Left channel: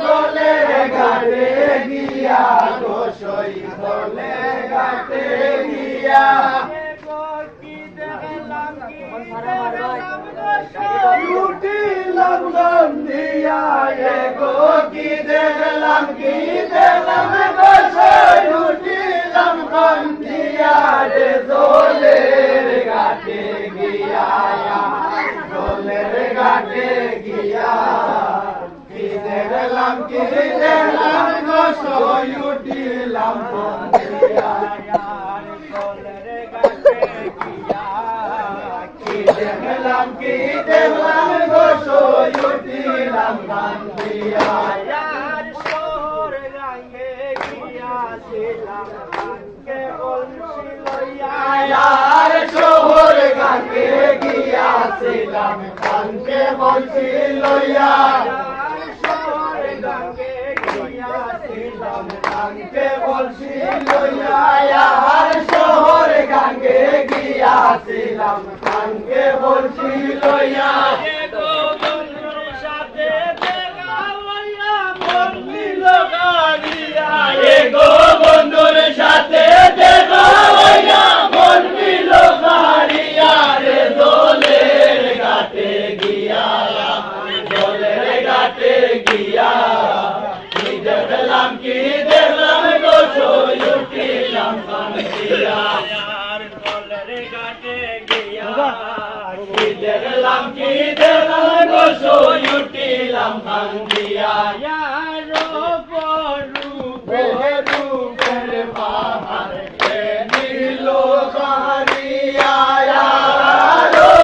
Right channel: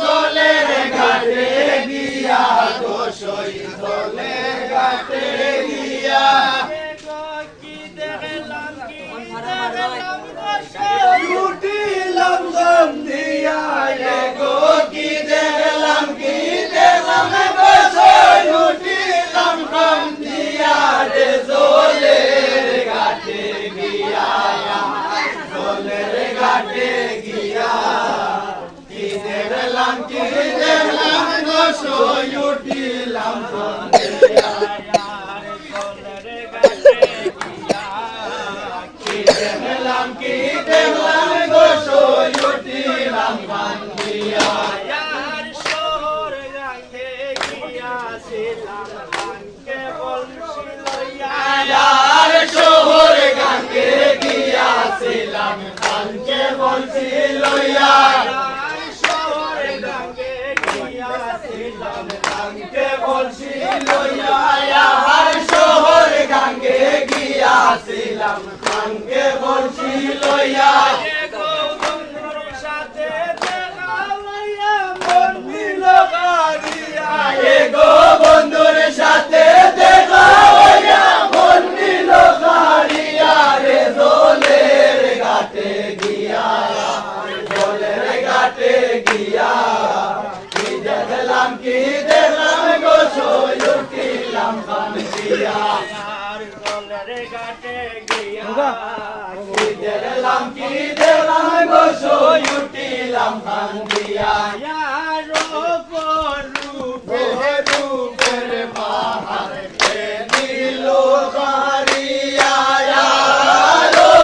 জলের ঘাটে গিয়া গোসই জলের ঘাটে গিয়া কি দেখলাম উঠিলাম গম দিয়া গো কি দেখলাম গোসই উঠিলাম গম দিয়া রে জলের ঘাটে গিয়া জলের ঘাটে গিয়া কি দেখলাম গোসই উঠিলাম গম দিয়া দেখলাম গোসই উঠিলাম গম দিয়া সোর গাঙ্গে গিয়াছিলাম গাঙ্গে বলছি লইয়া আর শহর গাঙ্গে গিয়াছিলাম গাঙ্গে বলছি লইয়া সোর গাঙ্গে গিয়াছিলাম গাঙ্গে বলছি লইয়া আর শহর গাঙ্গে গিয়াছিলাম গাঙ্গে বলছি লইয়া বন্ধুর সাথে দেখা লইয়া মন নিল গাড়িয়া গো বন্ধুর সাথে দেখা হইয়া মন নিল গাড়িয়া রে জলের ঘাটে গিয়া জলের ঘাটে গিয়া কি দেখলাম গোসই উঠিলাম গম দিয়া জলের ঘাটে গিয়া কি দেখলাম গোসই উঠিলাম গম দিয়া রূপ